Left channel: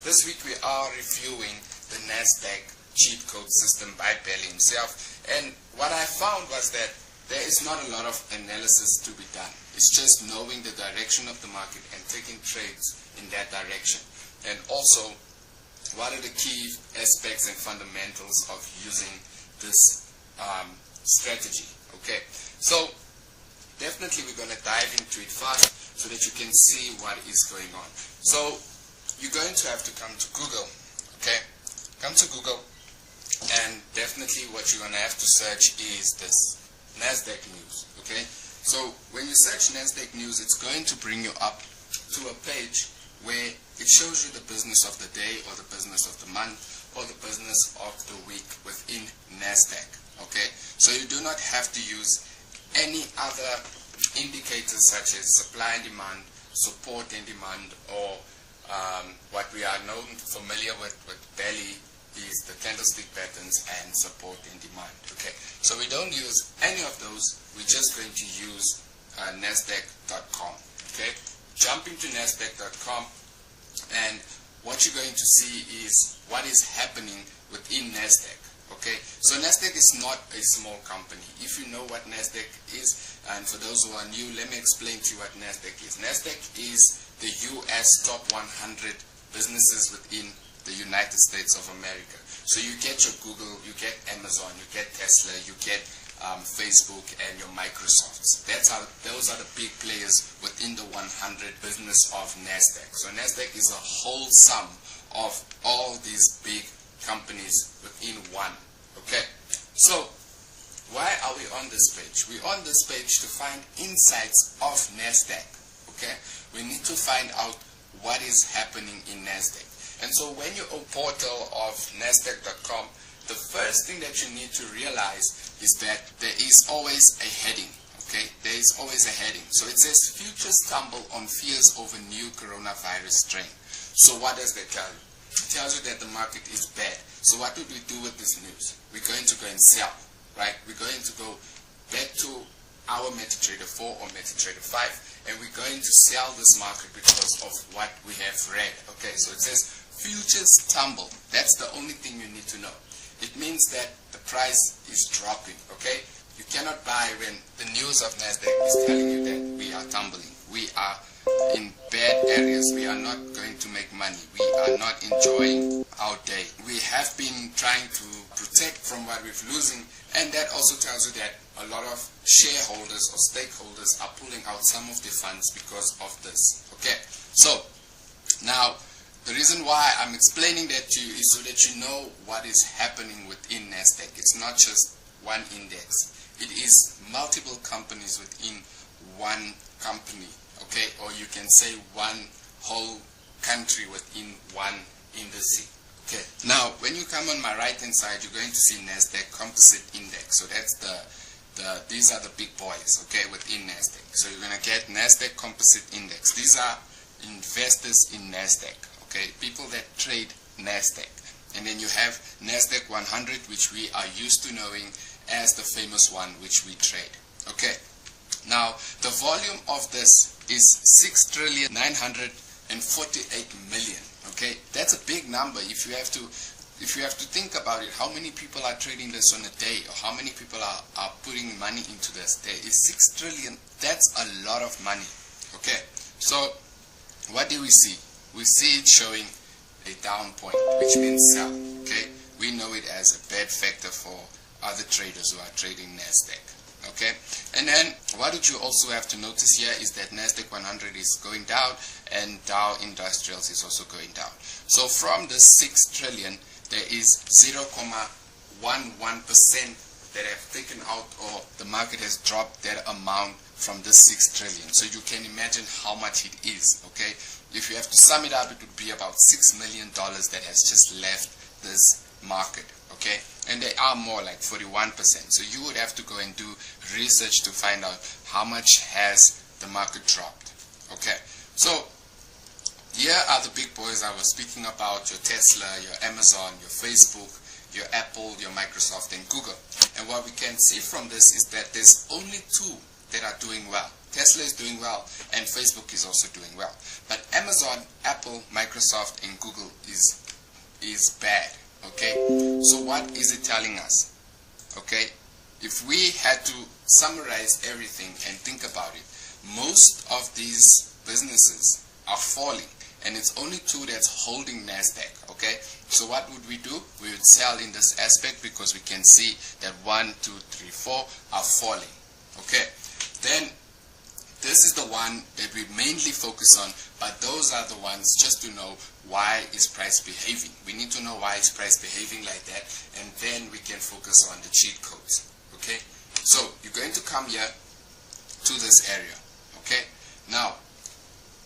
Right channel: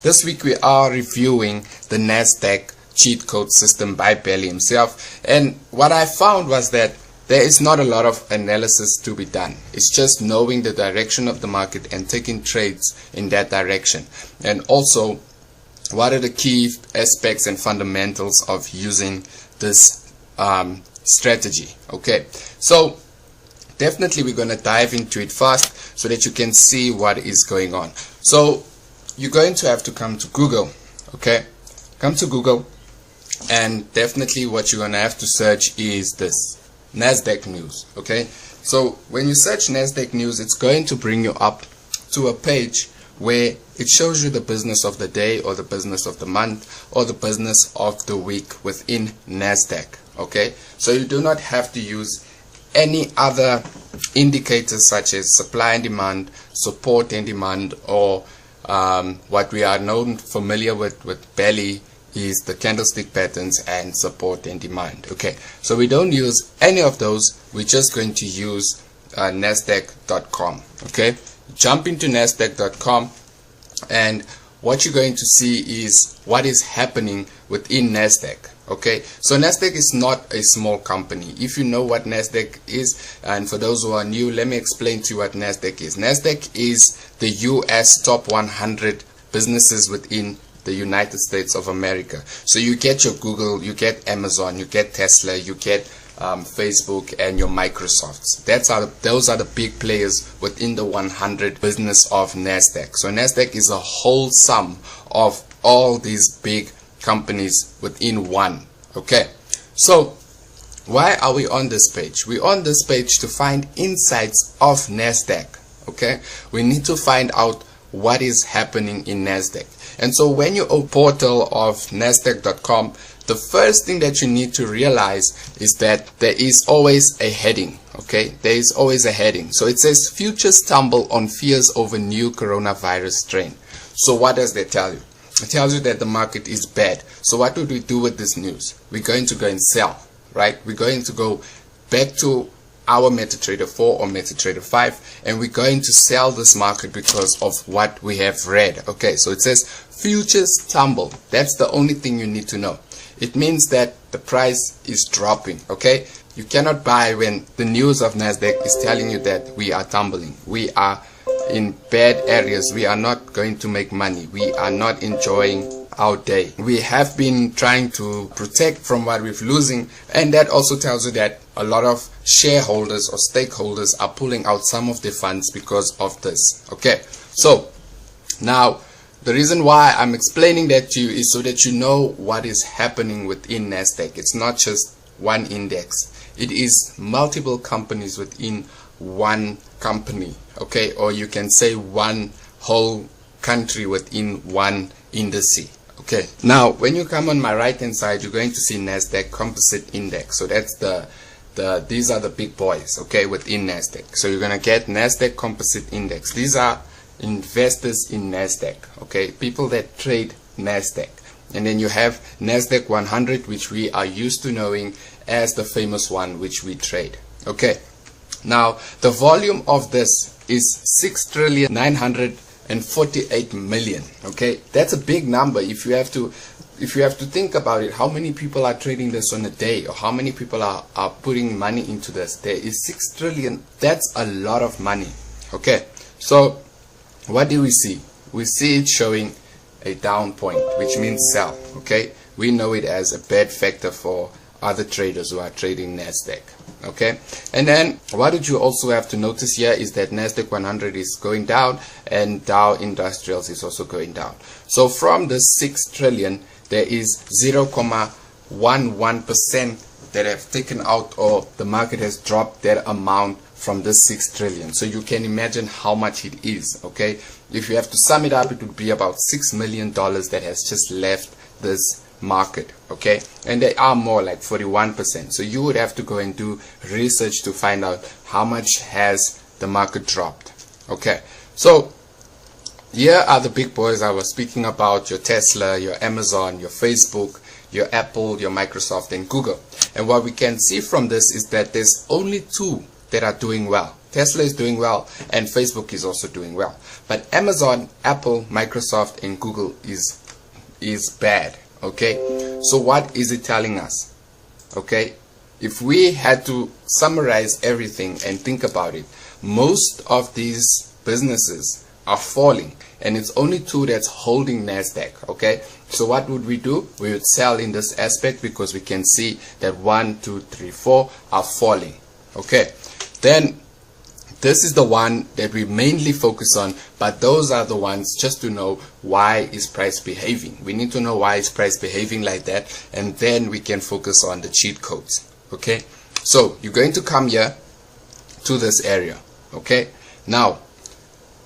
This week we are reviewing the NASDAQ cheat code system by Belly himself, and what I found was that there is not a lot of analysis to be done. It's just knowing the direction of the market and taking trades in that direction, and also what are the key aspects and fundamentals of using this strategy. Okay, so definitely we're going to dive into it fast so that you can see what is going on. So you're going to have to come to Google. Okay, come to Google, and definitely what you're going to have to search is this NASDAQ news. Okay, so when you search NASDAQ news, it's going to bring you up to a page where it shows you the business of the day, or the business of the month, or the business of the week within NASDAQ. Okay, so you do not have to use any other indicators such as supply and demand, support and demand, or what we are familiar with Belly is the candlestick patterns and support and demand. Okay, so we don't use any of those. We're just going to use nasdaq.com. okay, jump into nasdaq.com, and what you're going to see is what is happening within NASDAQ. Okay, so NASDAQ is not a small company. If you know what NASDAQ is, and for those who are new, let me explain to you what NASDAQ is. NASDAQ is the US top 100 businesses within the United States of America. So you get your Google, you get Amazon, you get Tesla, you get Facebook, and your Microsofts. Those are the big players within the 100 business of NASDAQ. So NASDAQ is a whole sum of all these big companies within one. Okay, so why are we on this page? We're on this page to find insights of NASDAQ. Okay, we need to find out what is happening in NASDAQ. And so when you open portal of nasdaq.com, the first thing that you need to realize is that there is always a heading. Okay, there is always a heading. So it says futures tumble on fears over new coronavirus strain. So what does that tell you? It tells you that the market is bad. So what would we do with this news? We're going to go and sell, right? We're going to go back to our MetaTrader 4 or MetaTrader 5, and we're going to sell this market because of what we have read. Okay, so it says futures tumble. That's the only thing you need to know. It means that the price is dropping. Okay, you cannot buy when the news of NASDAQ is telling you that we are tumbling. We are in bad areas. We are not going to make money. We are not enjoying our day. We have been trying to protect from what we're losing, and that also tells you that a lot of shareholders or stakeholders are pulling out some of their funds because of this. Okay, so now the reason why I'm explaining that to you is so that you know what is happening within NASDAQ. It's not just one index. It is multiple companies within one company. Okay, or you can say one whole country within one indice. Okay, now when you come on my right hand side, you're going to see NASDAQ Composite Index. So that's these are the big boys, okay, within NASDAQ. So you're gonna get NASDAQ Composite Index. These are investors in NASDAQ, okay, people that trade NASDAQ. And then you have NASDAQ 100, which we are used to knowing as the famous one which we trade. Okay, now the volume of this is 6,948,000,000. Okay, that's a big number. If you have to think about it, how many people are trading this on a day, or how many people are putting money into this? There is 6 trillion. That's a lot of money. Okay, so what do we see? We see it showing a down point, which means sell. Okay, we know it as a bad factor for other traders who are trading NASDAQ. Okay, and then what did you also have to notice here is that NASDAQ 100 is going down, and Dow Industrials is also going down. So from the 6 trillion, there is 0.11% that have taken out, or the market has dropped that amount from this 6 trillion. So you can imagine how much it is. Okay, if you have to sum it up, it would be about $6 million that has just left this market. Okay, and they are more like 41%. So you would have to go and do research to find out how much has the market dropped. Okay, so here are the big boys I was speaking about: your Tesla, your Amazon, your Facebook, your Apple, your Microsoft, and Google. And what we can see from this is that there's only two that are doing well. Tesla is doing well, and Facebook is also doing well. But Amazon, Apple, Microsoft, and Google is bad. Okay, so what is it telling us? Okay, if we had to summarize everything and think about it, most of these businesses are falling, and it's only two that's holding NASDAQ. Okay, so what would we do? We would sell in this aspect because we can see that 1, 2, 3, 4 are falling. Okay, then this is the one that we mainly focus on, but those are the ones just to know why is price behaving. We need to know why is price behaving like that, and then we can focus on the cheat codes. Okay, so you're going to come here to this area. Okay, now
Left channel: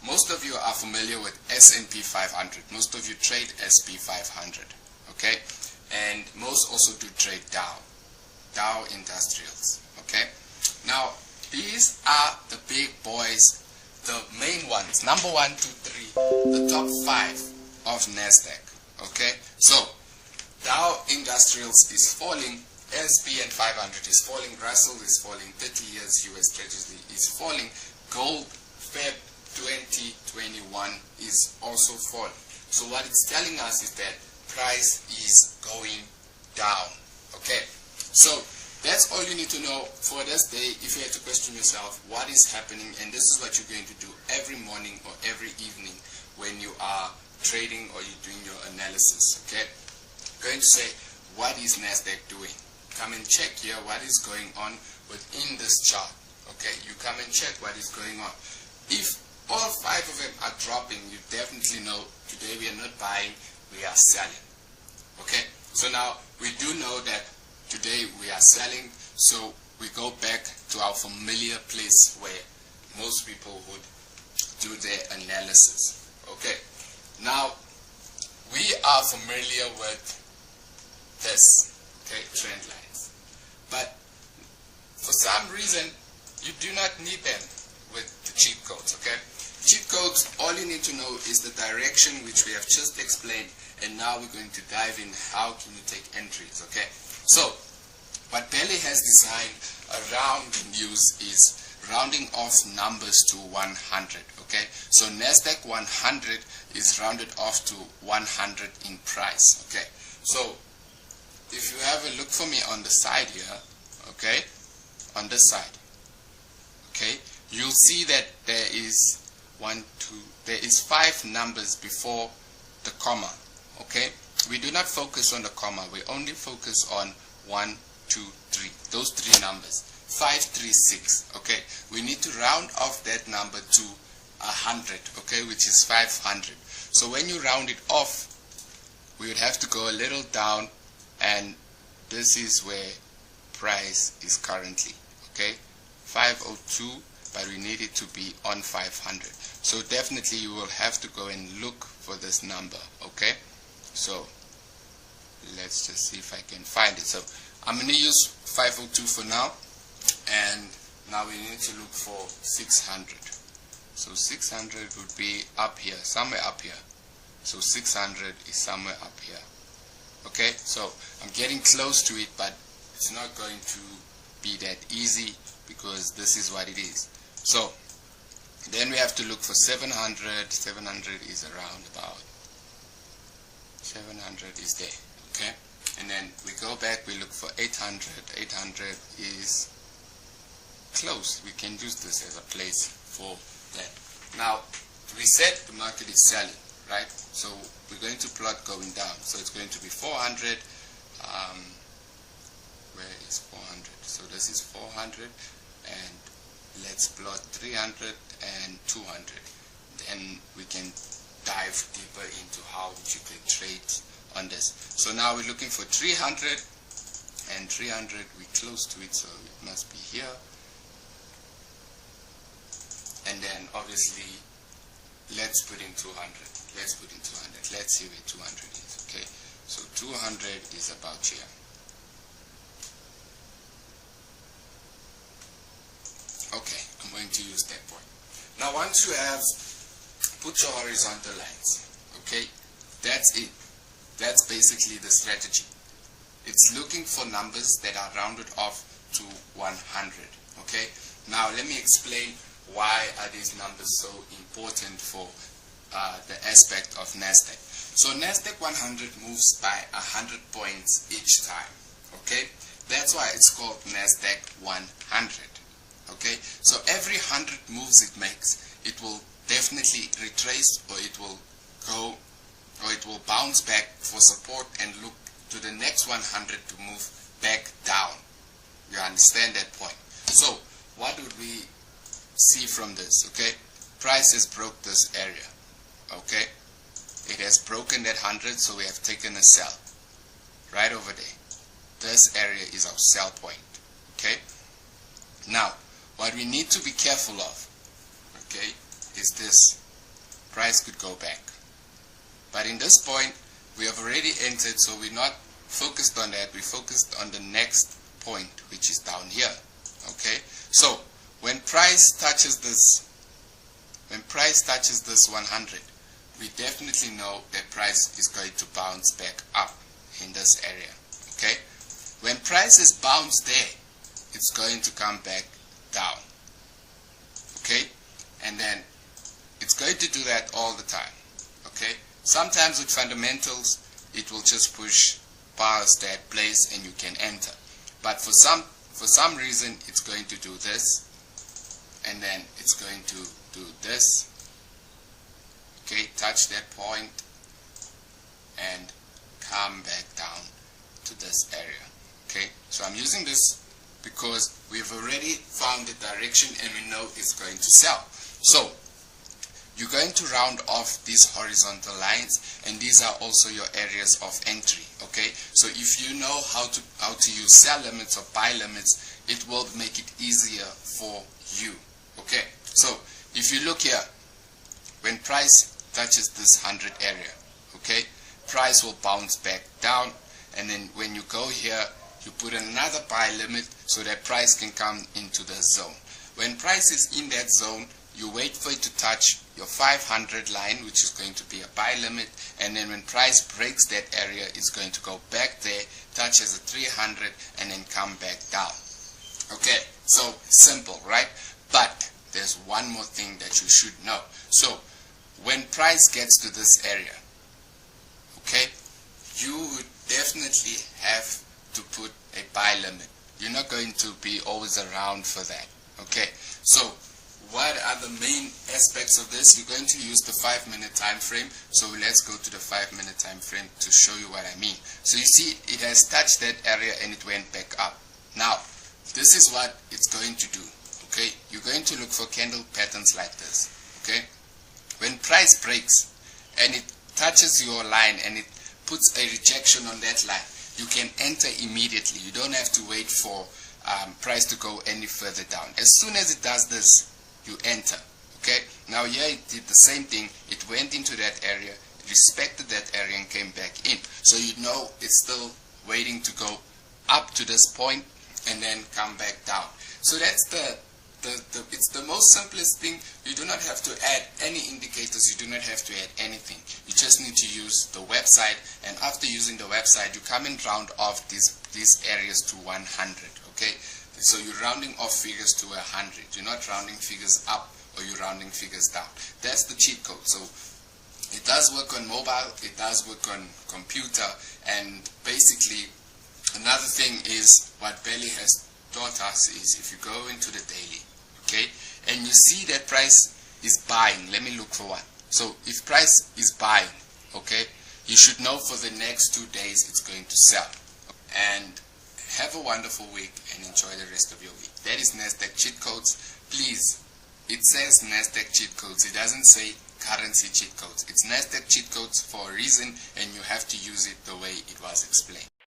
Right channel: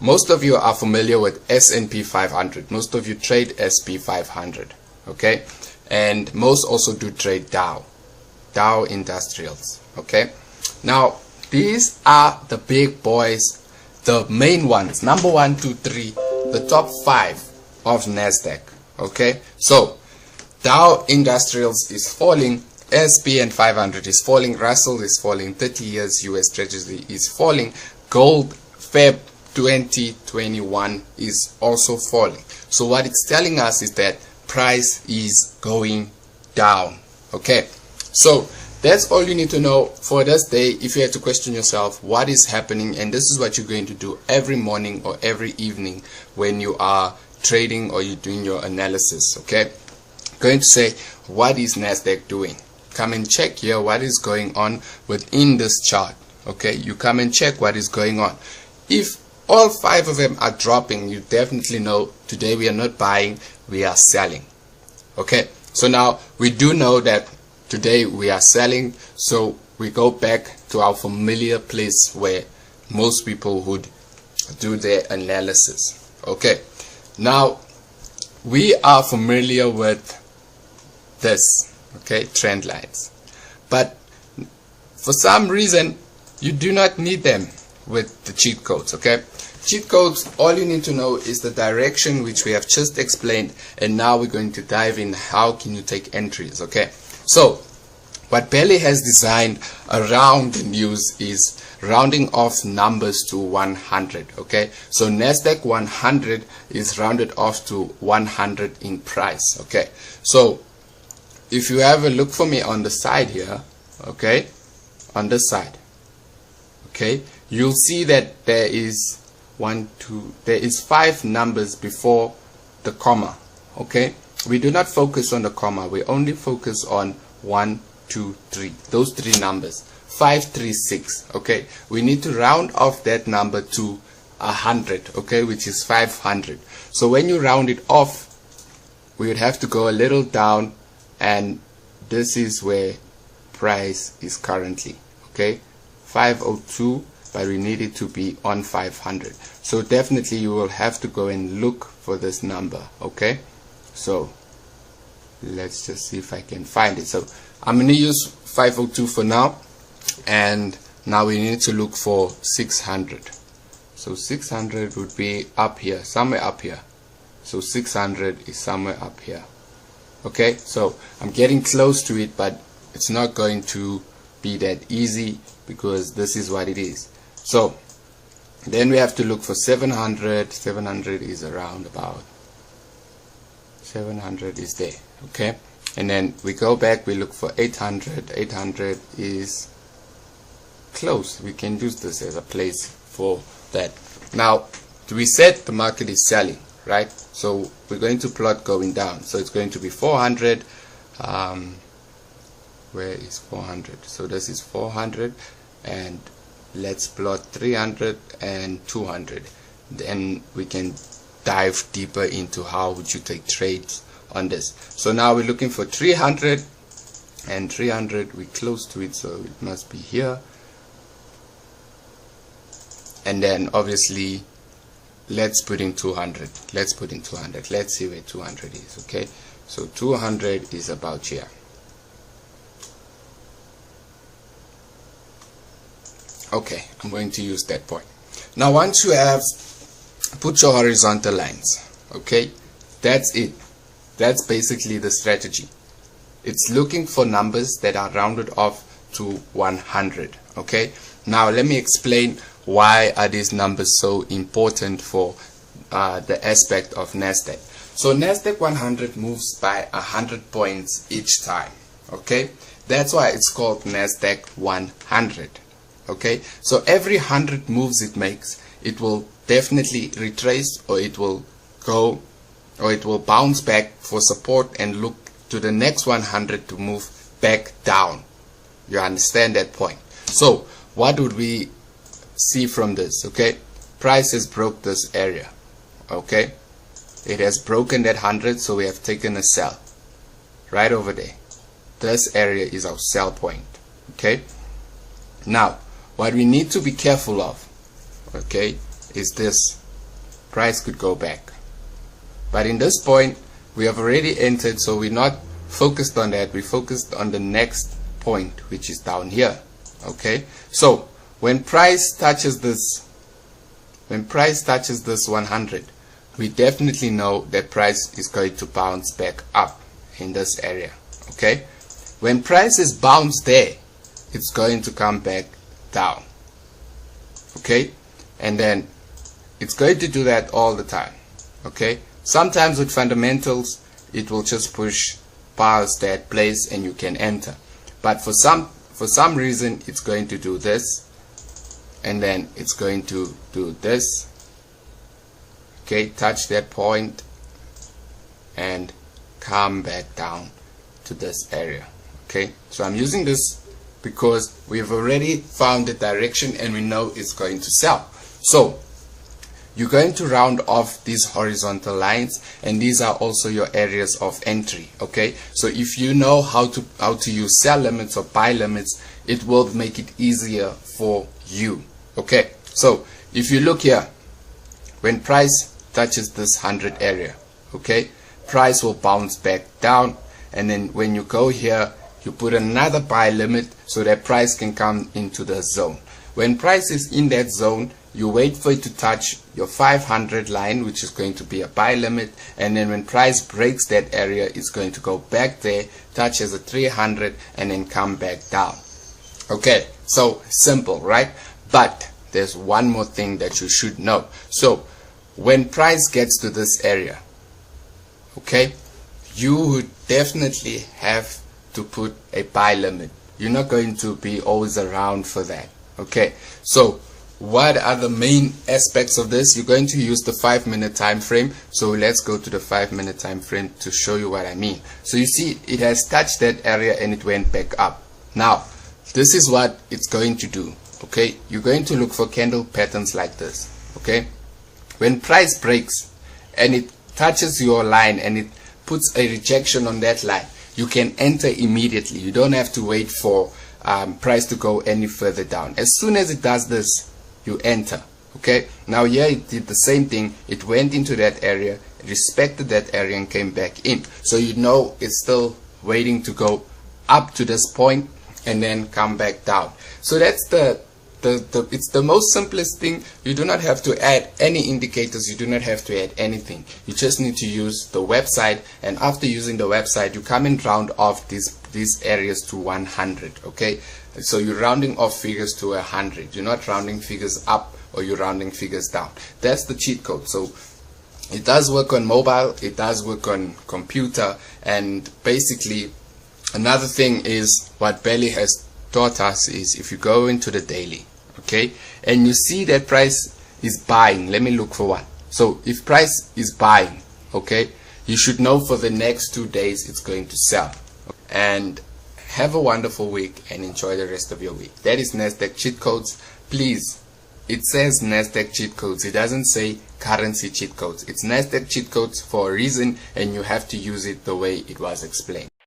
most of you are familiar with S&P 500. Most of you trade SP 500. Okay, and most also do trade Dow Industrials. Okay, now these are the big boys, the main ones, number 1, 2, 3, the top 5 of NASDAQ. Okay, so Dow Industrials is falling, SP and 500 is falling, Russell is falling, 30 years US Treasury is falling, gold Feb 2021 is also falling. So what it's telling us is that price is going down. Okay, so that's all you need to know for this day. If you had to question yourself what is happening, and this is what you're going to do every morning or every evening when you are trading or you're doing your analysis. Okay, going to say, what is NASDAQ doing? Come and check here what is going on within this chart. Okay, you come and check what is going on. If all 5 of them are dropping, you definitely know today we are not buying, we are selling. Okay, so now we do know that today we are selling, so we go back to our familiar place where most people would do their analysis. Okay, now we are familiar with this, okay, trend lines, but for some reason you do not need them with the cheat codes. Okay, cheat codes, all you need to know is the direction which we have just explained, and now we're going to dive in how can you take entries. Okay, so what Bailey has designed around the news is rounding off numbers to 100. Okay, so NASDAQ 100 is rounded off to 100 in price. Okay, so if you have a look for me on the side here, okay, on this side, okay, you'll see that there is there is 5 numbers before the comma. Okay, we do not focus on the comma, we only focus on 1, 2, 3, those 3 numbers, 5, 3, 6. Okay, we need to round off that number to 100, okay, which is 500. So when you round it off, we would have to go a little down, and this is where price is currently. Okay, 502, but we need it to be on 500. So definitely you will have to go and look for this number. Okay, so let's just see if I can find it. So I'm going to use 502 for now, and now we need to look for 600. So 600 would be up here, somewhere up here. So 600 is somewhere up here. Okay, so I'm getting close to it, but it's not going to be that easy because this is what it is. So then we have to look for 700. 700 is around about 700 is there. Okay, and then we go back, we look for 800. 800 is close. We can use this as a place for that. Now we said the market is selling, right? So we're going to plot going down. So it's going to be 400. Where is 400? So this is 400, and let's plot 300 and 200. Then we can dive deeper into how would you take trades on this. So now we're looking for 300, and 300 we're close to it, so it must be here. And then obviously let's put in 200. Let's put in 200. Let's see where 200 is. Okay, so 200 is about here. Okay, I'm going to use that point. Now once you have put your horizontal lines, okay, that's it. That's basically the strategy. It's looking for numbers that are rounded off to 100. Okay, now let me explain why are these numbers so important for the aspect of NASDAQ. So NASDAQ 100 moves by 100 points each time. Okay, that's why it's called NASDAQ 100. Okay, so every 100 moves it makes, it will definitely retrace, or it will go, or it will bounce back for support and look to the next 100 to move back down. You understand that point? So what would we see from this? Okay, price has broke this area. Okay, it has broken that 100, so we have taken a sell right over there. This area is our sell point. Okay, now what we need to be careful of, okay, is this. Price could go back, but in this point we have already entered, so we're not focused on that. We focused on the next point, which is down here. Okay, so when price touches this 100, we definitely know that price is going to bounce back up in this area. Okay, when price is bounced there, it's going to come back down. Okay, and then it's going to do that all the time. Okay, sometimes with fundamentals it will just push past that place and you can enter, but for some reason it's going to do this, and then it's going to do this. Okay, touch that point and come back down to this area. Okay, so I'm using this because we've already found the direction and we know it's going to sell. So you're going to round off these horizontal lines, and these are also your areas of entry. Okay, so if you know how to use sell limits or buy limits, it will make it easier for you. Okay, so if you look here, when price touches this 100 area, okay, price will bounce back down, and then when you go here, you put another buy limit so that price can come into the zone. When price is in that zone, you wait for it to touch your 500 line, which is going to be a buy limit, and then when price breaks that area, it's going to go back there, touches a 300, and then come back down. Okay, so simple, right? But there's one more thing that you should know. So when price gets to this area, okay, you would definitely have to put a buy limit. You're not going to be always around for that. Okay, so what are the main aspects of this? You're going to use the 5-minute time frame. So let's go to the 5-minute time frame to show you what I mean. So you see it has touched that area and it went back up. Now this is what it's going to do. Okay, you're going to look for candle patterns like this. Okay, when price breaks and it touches your line and it puts a rejection on that line, you can enter immediately. You don't have to wait for price to go any further down. As soon as it does this, you enter. Okay, now here it did the same thing. It went into that area, respected that area, and came back in. So you know it's still waiting to go up to this point and then come back down. So that's it's the most simplest thing. You do not have to add any indicators. You do not have to add anything. You just need to use the website, and after using the website, you come and round off these areas to 100. Okay, so you're rounding off figures to 100. You're not rounding figures up or you're rounding figures down. That's the cheat code. So it does work on mobile, it does work on computer, and basically another thing is what Belly has taught us is if you go into the daily, okay, and you see that price is buying, let me look for one. So if price is buying, okay, you should know for the next 2 days it's going to sell. And have a wonderful week and enjoy the rest of your week. That is NASDAQ cheat codes. Please, it says NASDAQ cheat codes. It doesn't say currency cheat codes. It's NASDAQ cheat codes for a reason, and you have to use it the way it was explained.